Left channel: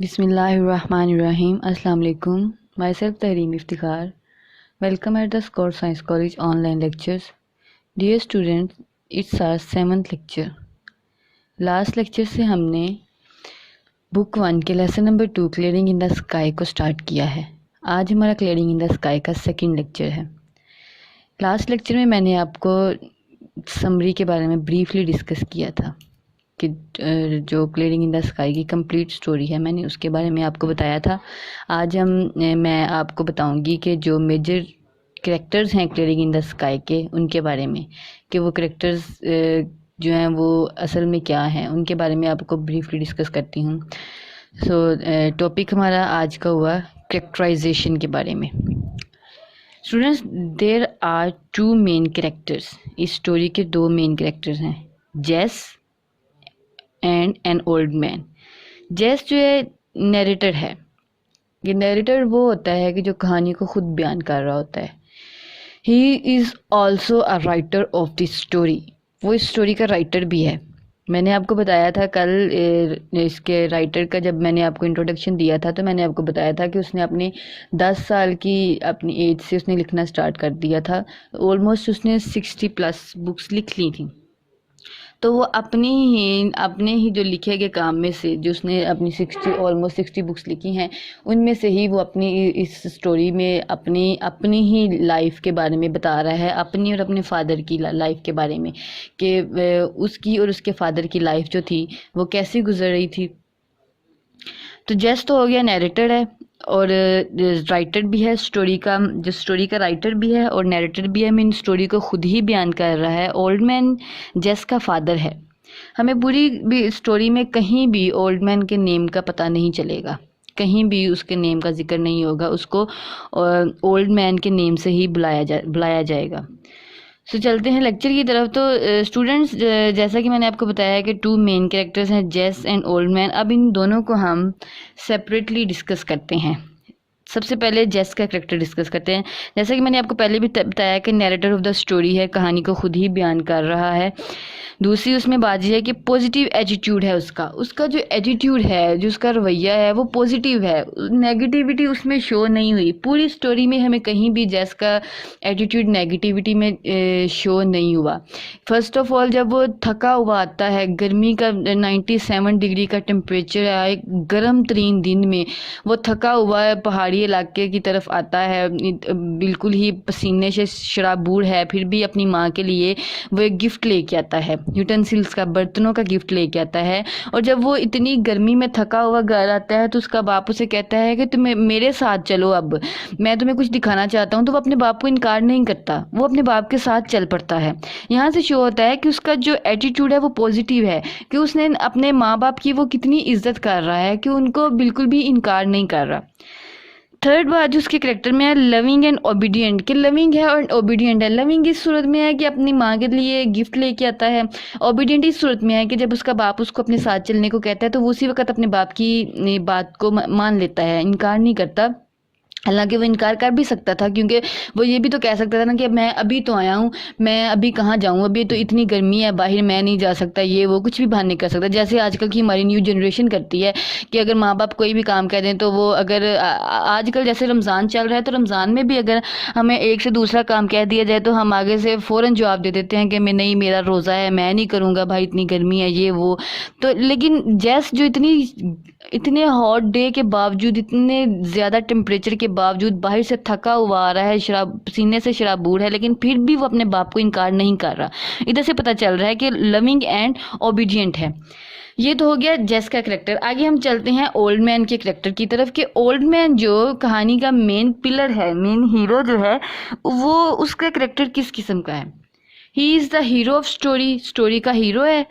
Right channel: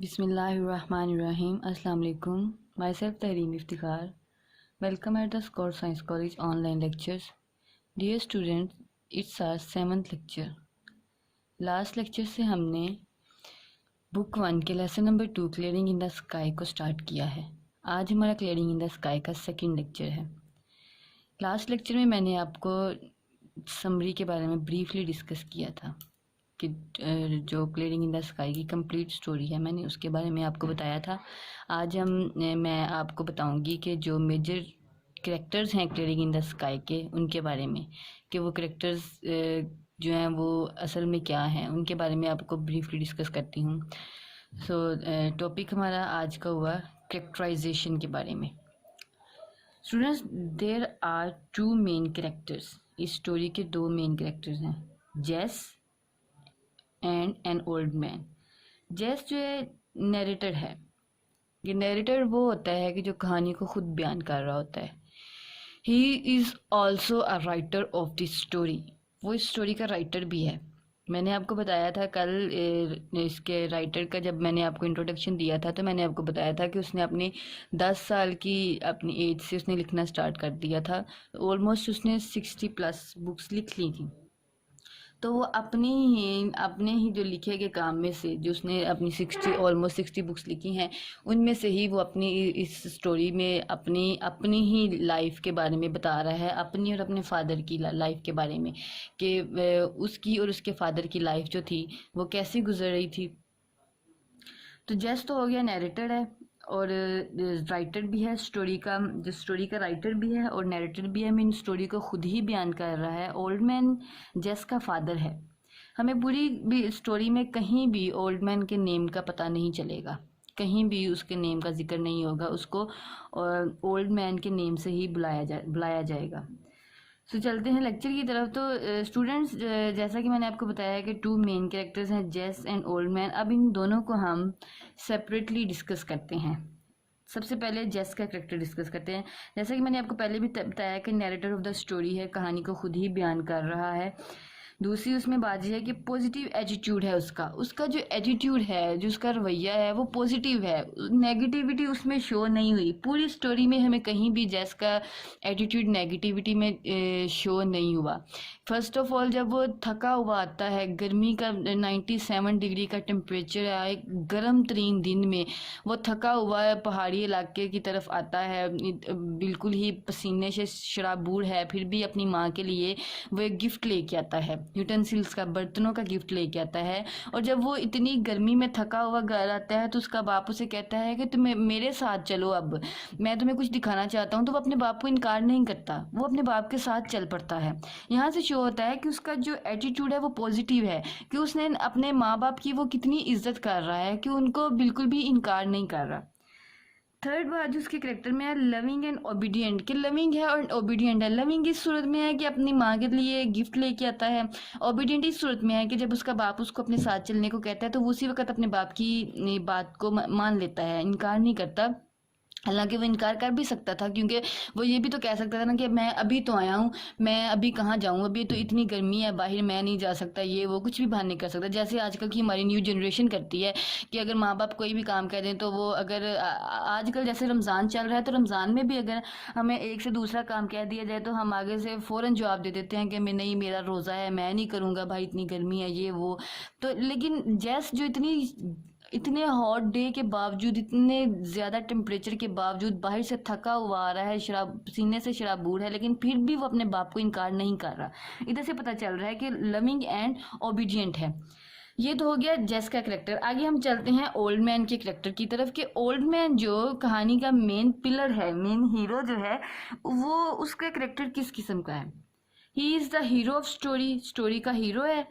बिस्मिल्लाहिर्रहमानिर्रहीम। अस्सलाम वालेकुम। Myself Tahreem Iftikhar. Welcome at the Scott science college online lectures. Dear students, it's our 7th lecture. Last lecture से हमने book 1 के lesson number 2 clearing in the sky को start किया है। आज हमारा क्लियरिंग इन द स्काई का सेकंड लेक्चर है। लास्ट लेक्चर में मैंने आपको समरी के बारे में ब्रीफली डिस्कस किया था कि जो क्लियरिंग इन द स्काई की कंप्लीट स्टोरी है, मैंने उसके बारे में आपको बताया था। आज मैं आपको बताऊंगी कि जो मेजर कैरेक्टर्स हैं क्लियरिंग इन द स्काई के, उनके बारे में, कि वो कैरेक्टर्स जो हैं वो असल में क्या हैं, उनके बारे में आपको ब्रीफली डिस्कस करती हूँ। टॉपिक हमारा आज का हुआ कैरेक्टराइजेशन के बारे में। Students, there are 2 main characters. इस स्टोरी के 2 मेन कैरेक्टर्स हैं, जेस एंड एन ओल्ड मैन। जेस जो है नरेटर है। ये नरेटर वो होता है कि जो कहानी को खुद बयान कर रहा होता है। He is also a writer of the story. वो इस स्टोरी का राइटर भी है। मैंने आपको बताया था कल इसके राइटर का, जब मैंने आपको इंट्रोडक्शन दिया था तो मैंने आपको बताया था कि उसने अपने 10 साल की अपनी एज से उसने लिखना स्टार्ट कर दिया था। ऑलमोस्ट उसने 60+ बुक्स लिख ली थी। तो वो अपने ही जो लिखे गए काम में से, जो उसने अपनी ऑलमोस्ट 60 बुक्स लिखी हैं, उनमें से ही वो अपनी इस स्टोरी में अपनी ही लाइफ के बारे में बता रहा है, अपनी और अपने फादर की लाइफ के बारे में, कि उसकी और उसके फादर की लाइफ जो थी वो कैसे गुजर रही थी। तो जेस तो हो गया नैरेटर है और राइटर भी है स्टोरी का, जो स्टोरी का राइटर भी है और नैरेटर भी है। मीन स्टोरी को खुद ही बयान कर रहा है। ओल्ड मैन जेस का फादर है। हमें पूरी भी स्टोरी में कहीं भी ओल्ड मैन के नेम का पता नहीं चलेगा, कहीं भी उसके नेम का जिक्र नहीं होगा। उसको ओल्ड मैन के नेम से ही बुलाया जाएगा। सो चलते हैं लेक्चर की तरफ। तो स्टूडेंट्स, जैसा कि मैंने आपको बताया है कि 2 मेन कैरेक्टर्स हैं, जेस एंड ओल्ड मैन। अब इन दोनों को हम सेपरेटली डिस्कस करते हैं। सबसे पहले जेस का कैरेक्टर डिस्कस करते हैं। जैसा कि मैंने आपको पहले भी बताया कि नैरेटर ऑफ द स्टोरी है, कहानी को खुद ही बयान कर रहा है। दूसरी उसमें बात यह है कि पॉजिटिव एटीट्यूड है उसका जो एटीट्यूड है, जो उसका रवैया है, वो पॉजिटिव है। नेगेटिविटी उसमें शो नहीं हुई। पूरी स्टोरी में हमें कहीं भी जेस का एटीट्यूड नेगेटिविटी में शो नहीं हुआ। फर्स्ट ऑफ ऑल, जब वो थका हुआ आता है, गर्मी का 97 डिग्री का टेम्परेचर है, एक गर्म तरीन दिन में वो थका हुआ है, पहाड़ी इलाके की तरफ आता है, बिल्कुल ही पसीने से शराबूर है, फिर भी अपनी माँ के लिए वो एक गिफ्ट लेके आता है, यूटेंसिल्स का, बर्तनों का गिफ्ट लेके आता है। और जब वो इतनी गर्मी में थका हुआ घर आता है तो उसका बाप उसे कहता है कि तुम मेरे साथ चलो, अब मैं तुम्हें कुछ दिखाना चाहता हूँ। तो वो अपने बाप को इनकार नहीं करता, वो अपने बाप के साथ चल पड़ता है। यहाँ से शो होता है कि उसका जो एटीट्यूड है वो पॉजिटिव है, कि उसने अपने माँ बाप की वो कितनी इज्जत कर रहा है, कि उनको बिल्कुल भी इनकार नहीं कर रहा। थर्ड बात जो उसके करेक्टर में है, लविंग एंड ओबीडियंट। कि लविंग है और ओबीडियंट है। लविंग इस सूरत में है कि अपनी माँ के लिए गिफ्ट लेके आता है। ओबीडियंट इस सूरत में है कि जब उसका बाप उसको अपने साथ चलने को कहता है तो वो उसी वक्त अपने बाप की बात को मान लेता है, इनकार नहीं करता। हालांकि वो इनकार कर भी सकता था, क्योंकि वो ये भी तो कह सकता था ना कि मैं अभी तो आया हूँ, मैं अभी कहाँ जाऊँ, अभी तो इतनी गर्मी है बाहर, मैं नहीं जा सकता, ये वो कुछ भी बहाने कर सकता। जैसे आजकल की हमारी न्यू जनरेशन करती है कि अगर माँ बाप कोई भी काम कह दें तो वो, अगर आजकल जैसे रमज़ान चल रहा है तो रमज़ान में भी अगर हमें एक से दूसरा काम कह दिया जाए तो हम आगे से फ़ौरन जवाब दे देते हैं कि मैं नहीं, मेरा रोज़ा है, मैं नहीं करूँगा भाई, इतनी गर्मी है, ये वो। तो लेकिन जैस जो इतने हॉट डे के बावजूद, इतने ज़्यादा टेम्परेचर के बावजूद बाहर से थका हुआ आ रहा है, पसीने से शराबूर है, लेकिन फिर भी वो अपने बाप को इनकार नहीं कर रहा। इधर से पता चल रहा है कि लविंग एंड ओबीडियंट है। ये तो हो गया जेस का करेक्टर। आगे हम चलते हैं ओल्ड मैन के करेक्टर की तरफ। कि ओल्ड मैन जो कहानी का मेन पिलर है, मेन हीरो जो है, वो उसका करेक्टर किस किस्म का है? He is the hero of story का हीरो है।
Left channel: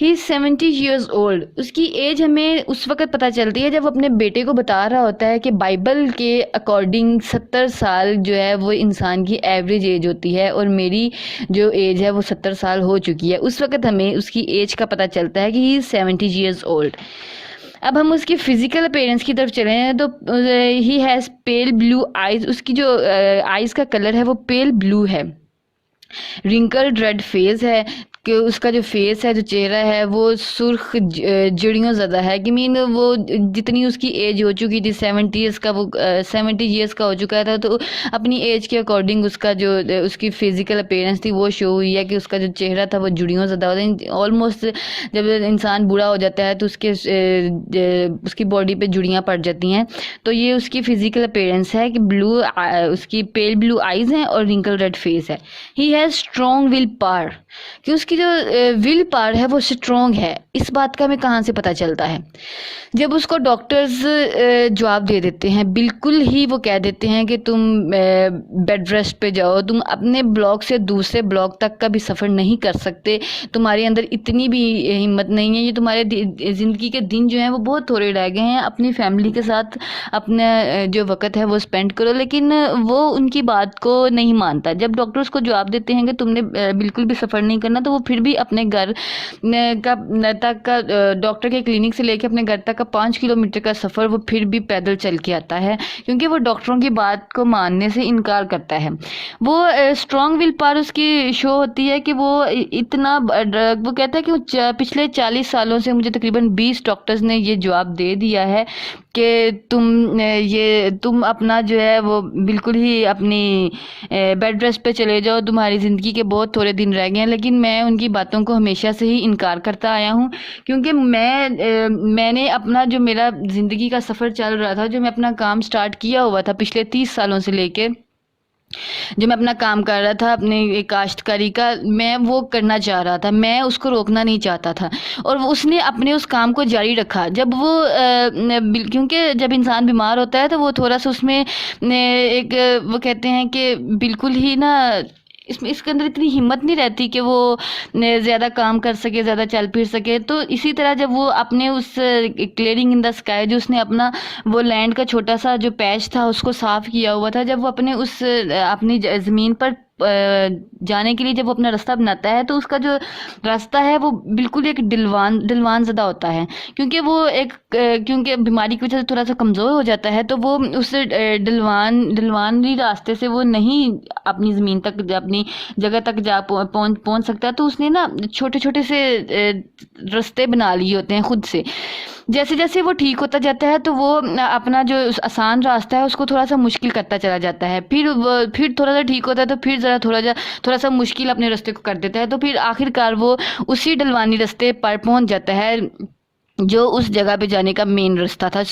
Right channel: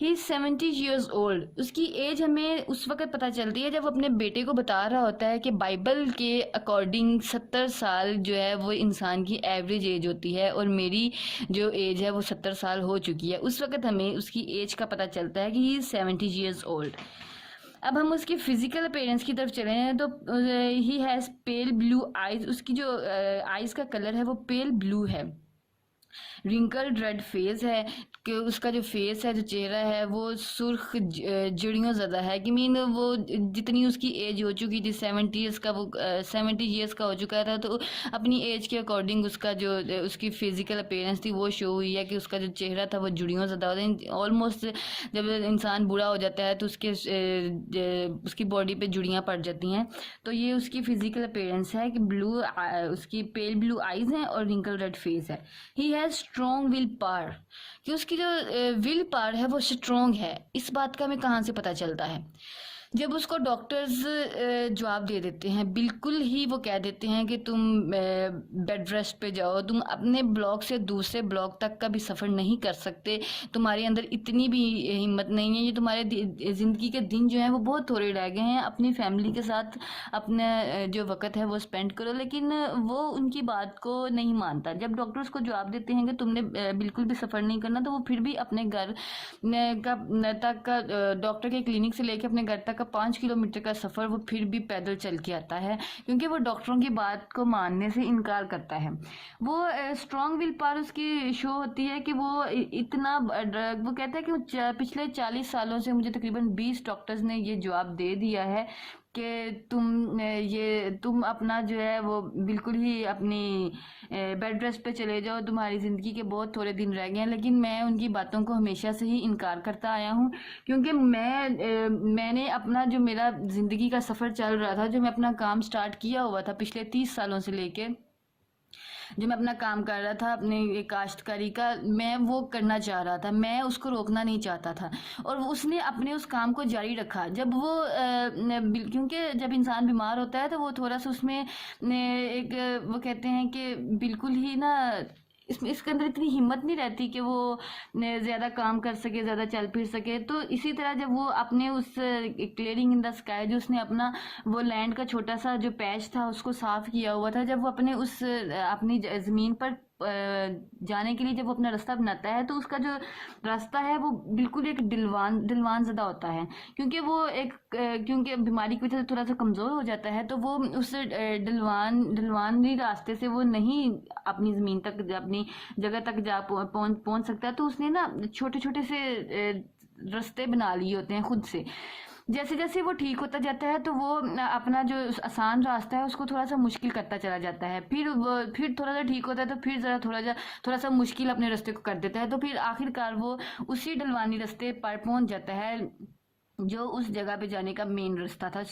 He is 70 years old. उसकी एज हमें उस वक्त पता चलती है जब वो अपने बेटे को बता रहा होता है कि बाइबल के अकॉर्डिंग 70 साल जो है वो इंसान की एवरेज एज होती है, और मेरी जो एज है वो 70 साल हो चुकी है। उस वक्त हमें उसकी एज का पता चलता है कि ही इज़ 70 ईयर्स ओल्ड। अब हम उसकी फिजिकल अपीयरेंस की तरफ चले हैं तो he has pale blue eyes. उसकी जो आइज़ का कलर है वो पेल ब्लू है। रिंकल्ड रेड फेस है, कि उसका जो फेस है, जो चेहरा है, वो सुर्ख जड़ियों ज़्यादा है। कि मीन वो जितनी उसकी एज हो चुकी थी, 70 ईयर्स का, वो 70 ईयर्स का हो चुका था, तो अपनी एज के अकॉर्डिंग उसका जो उसकी फिजिकल अपीयरेंस थी वो शो हुई है कि उसका जो चेहरा था वो जुड़ियों ज़्यादा होता है। ऑलमोस्ट जब इंसान बूढ़ा हो जाता है तो उसकी बॉडी पे जुड़ियाँ पड़ जाती हैं। तो ये उसकी फिजिकल अपीयरेंस है कि उसकी पेल ब्लू आइज़ हैं और रिंकल रेड फेस है। He has strong will power, कि उसकी जो विल पावर है वो स्ट्रॉन्ग है। इस बात का हमें कहाँ से पता चलता है? जब उसको डॉक्टर्स जवाब दे देते हैं, बिल्कुल ही वो कह देते हैं कि तुम बेड रेस्ट पे जाओ, तुम अपने ब्लॉक से दूसरे ब्लॉक तक का भी सफ़र नहीं कर सकते, तुम्हारे अंदर इतनी भी हिम्मत नहीं है, ये तुम्हारे ज़िंदगी के दिन जो हैं वो बहुत थोड़े रह गए हैं, अपनी फैमिली के साथ अपना जो वक़्त है वो स्पेंड करो। लेकिन वो उनकी बात को नहीं मानता। जब डॉक्टर्स को जवाब देते हैं कि तुमने बिल्कुल भी सफ़र नहीं करना, तो वो फिर भी अपने घर तक का डॉक्टर के क्लिनिक से लेके अपने घर तक का 5 किलोमीटर का सफ़र वो फिर भी पैदल चल के आता है, क्योंकि वो डॉक्टरों की बात को मानने से इनकार करता है। वो स्ट्रॉन्ग विल पावर उसकी शो होती है कि वो इतना वो कहता है कि पिछले 40 सालों से मुझे तकरीबन 20 डॉक्टर्स ने ये जवाब दे दिया है कि तुम अपना जो है वो बिल्कुल ही अपनी बेड रेस्ट पे चले जाओ, तुम्हारी ज़िंदगी के बहुत थोड़े दिन रह गए हैं। लेकिन मैं उनकी बातों को हमेशा से ही इनकार करता आया हूँ, क्योंकि मैंने अपना जो मेरा ज़िंदगी का सफ़र चल रहा था, जो मैं अपना काम स्टार्ट किया हुआ था पिछले 30 सालों से लेके, जो मैं अपना काम कर रहा था अपने काश्तकारी का, मैं वो करना चाह रहा था, मैं उसको रोकना नहीं चाहता था। और उसने अपने उस काम को जारी रखा। जब वो क्योंकि जब इंसान बीमार होता है तो वो थोड़ा सा उसमें एक वो कहते हैं कि बिल्कुल ही ना इसके अंदर इतनी हिम्मत नहीं रहती कि वो ज़्यादा काम कर सके, ज़्यादा चल फिर सके। तो इसी तरह जब वो अपने उस क्लियरिंग इन द स्काई, जो उसने अपना वो लैंड का छोटा सा जो पैच था उसको साफ़ किया हुआ था, जब वो अपने उस अपनी ज़मीन पर जाने के लिए जब वो अपना रास्ता बनाता है, तो उसका जो रास्ता है वो बिल्कुल एक ढलवान ज़्यादा होता है, क्योंकि वो क्योंकि बीमारी की वजह से थोड़ा सा कमज़ोर हो जाता है। तो वो उस ढलवानी रास्ते से वो नहीं अपनी ज़मीन तक, अपनी जगह तक जा पहुँच सकता। तो उसने ना छोटे छोटे से रास्ते बना लिए होते हैं खुद से। जैसे जैसे वो ठीक होता जाता है तो वो अपना जो आसान रास्ता है उसको थोड़ा सा मुश्किल करता चला जाता है। फिर थोड़ा सा ठीक होता है तो फिर ज़रा थोड़ा सा मुश्किल अपने रास्ते को कर देता है। तो फिर आखिरकार वो उसी ढलवानी रास्ते पर पहुंच जाता है जो उस जगह पे जाने का मेन रास्ता था।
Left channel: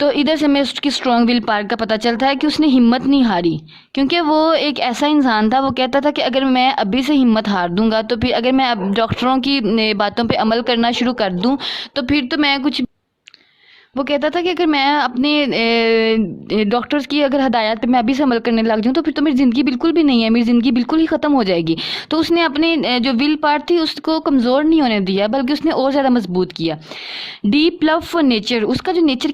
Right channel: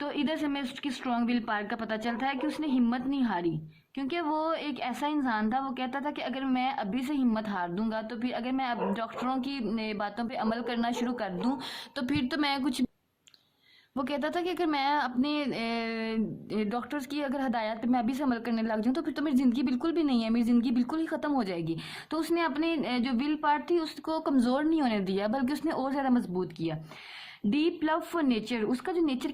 तो इधर से हमें उसकी स्ट्रॉन्ग विल पावर का पता चलता है कि उसने हिम्मत नहीं हारी, क्योंकि वो एक ऐसा इंसान था। वो कहता था कि अगर मैं अभी से हिम्मत हार दूंगा, तो फिर अगर मैं अब डॉक्टरों की बातों पे अमल करना शुरू कर दूं, तो फिर तो मैं कुछ वो कहता था कि अगर मैं अपने डॉक्टर्स की अगर हदायत पे मैं अभी से अमल करने लग जाऊँ, तो फिर तो मेरी ज़िंदगी बिल्कुल भी नहीं है, मेरी ज़िंदगी बिल्कुल ही ख़त्म हो जाएगी। तो उसने अपने जो विल पावर थी उसको कमज़ोर नहीं होने दिया, बल्कि उसने और ज़्यादा मजबूत किया। डीप लव फॉर नेचर, उसका जो नेचर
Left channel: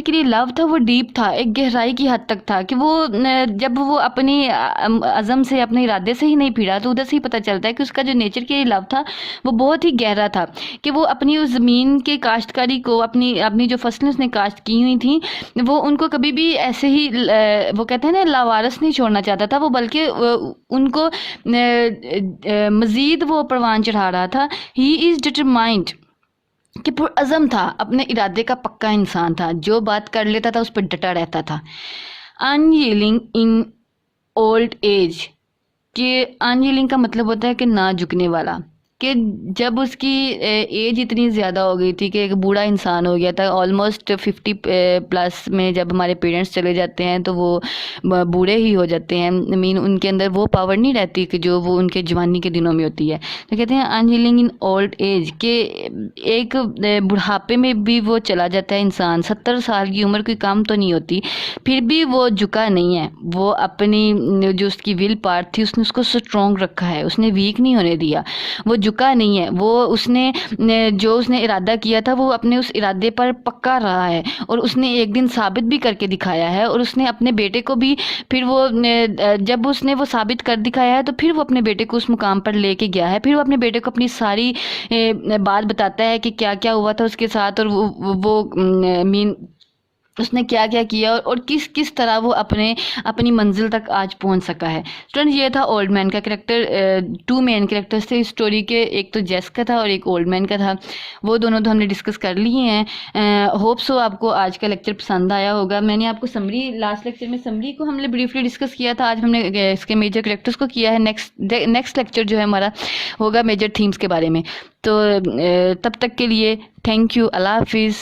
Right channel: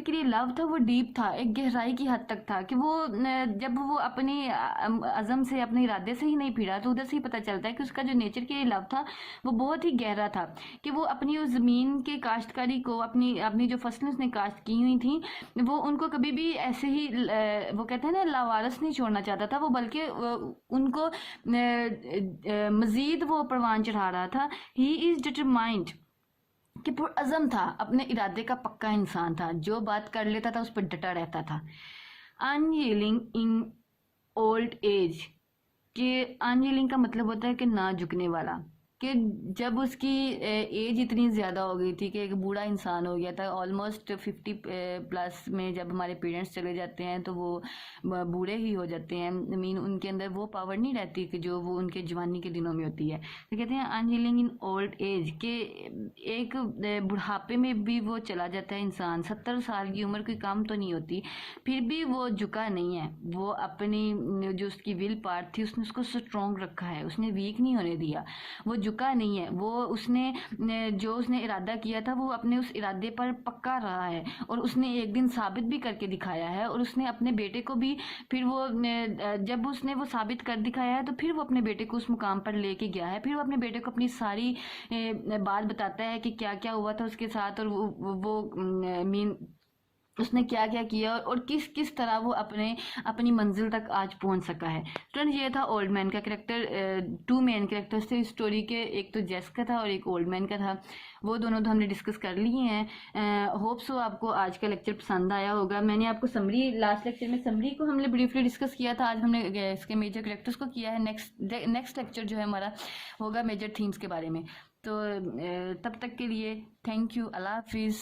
के लिए लव था वो डीप था, एक गहराई की हद तक था कि वो जब वो अपनी अज़म से, अपने इरादे से ही नहीं फिरा, तो उधर से ही पता चलता है कि उसका जो नेचर के लिए लव था वो बहुत ही गहरा था। कि वो अपनी उस ज़मीन के काश्तकारी को, अपनी जो फसलें उसने काश्त की हुई थी, वो उनको कभी भी ऐसे ही वो कहते हैं ना लावारस नहीं छोड़ना चाहता था वो, बल्कि उनको मज़ीद वो परवान चढ़ा रहा था। ही इज़ डिटरमाइंड, कि पुरअज़म था, अपने इरादे का पक्का इंसान था, जो बात कर लेता था उस पर डटा रहता था। अनयील्डिंग इन ओल्ड एज, कि अनयील्डिंग का मतलब होता है कि ना झुकने वाला। कि जब उसकी एज इतनी ज़्यादा हो गई थी कि एक बूढ़ा इंसान हो गया था, ऑलमोस्ट 50 प्लस में जब हमारे पेरेंट्स चले जाते हैं तो वो बूढ़े ही हो जाते हैं। मीन उनके अंदर वो पावर नहीं रहती कि जो वो उनके जवानी के दिनों में होती है। तो कहते हैं अनहीलिंग इन ओल्ड एज, के एक बुढ़ापे में भी वो चला जाता है इंसान। 70 साल की उम्र कोई काम तो नहीं होती, फिर भी वो झुका नहीं है। वो अपनी जो उसकी विल पावर थी उसने उसको स्ट्रॉन्ग रखा है, उसने वीक नहीं होने दिया, वो झुका नहीं है। वो जो उसने इरादा किया था वो अपने उस इरादे पर पक्का रहा है, और उसने एक दिन साबित भी करके दिखाया है। और उसने अपने बेटे को भी फिर वो जब उसने वो साबित कर दिखाया है तो फिर वो अपने बेटे को उस मुकाम पर लेके गया है। फिर वो अपने बेटे को अपनी सारी बात बताता है कि क्या क्या हुआ था उसके साथ। और वो मीन उसने क्या क्या किया और किस किस तरह वो अपनी मंजिल तक आज पहुंच सका है। स्टूडेंट, ये था ओल्ड मैन का कैरेक्टर। टू मेन कैरेक्टर्स थे इस स्टोरी के, एक तो जेस का था और एक ओल्ड मैन का था। वो दोनों तो हमने डिस्कस कर लिए हैं। होप सो आपको आज का लेक्चर पसंद आया होगा। मैंने आपको समरी, लास्ट लेक्चर में समरी को हमने ब्रीफली डिस्कस किया था। आज हमने इसके मेजर कैरेक्टर्स को किया है। नेक्स्ट लेक्चर जो है हमारा होगा मेजर थीम्स के बारे में। तो तब तक के लिए थैंक यू, अल्लाह हाफिज़।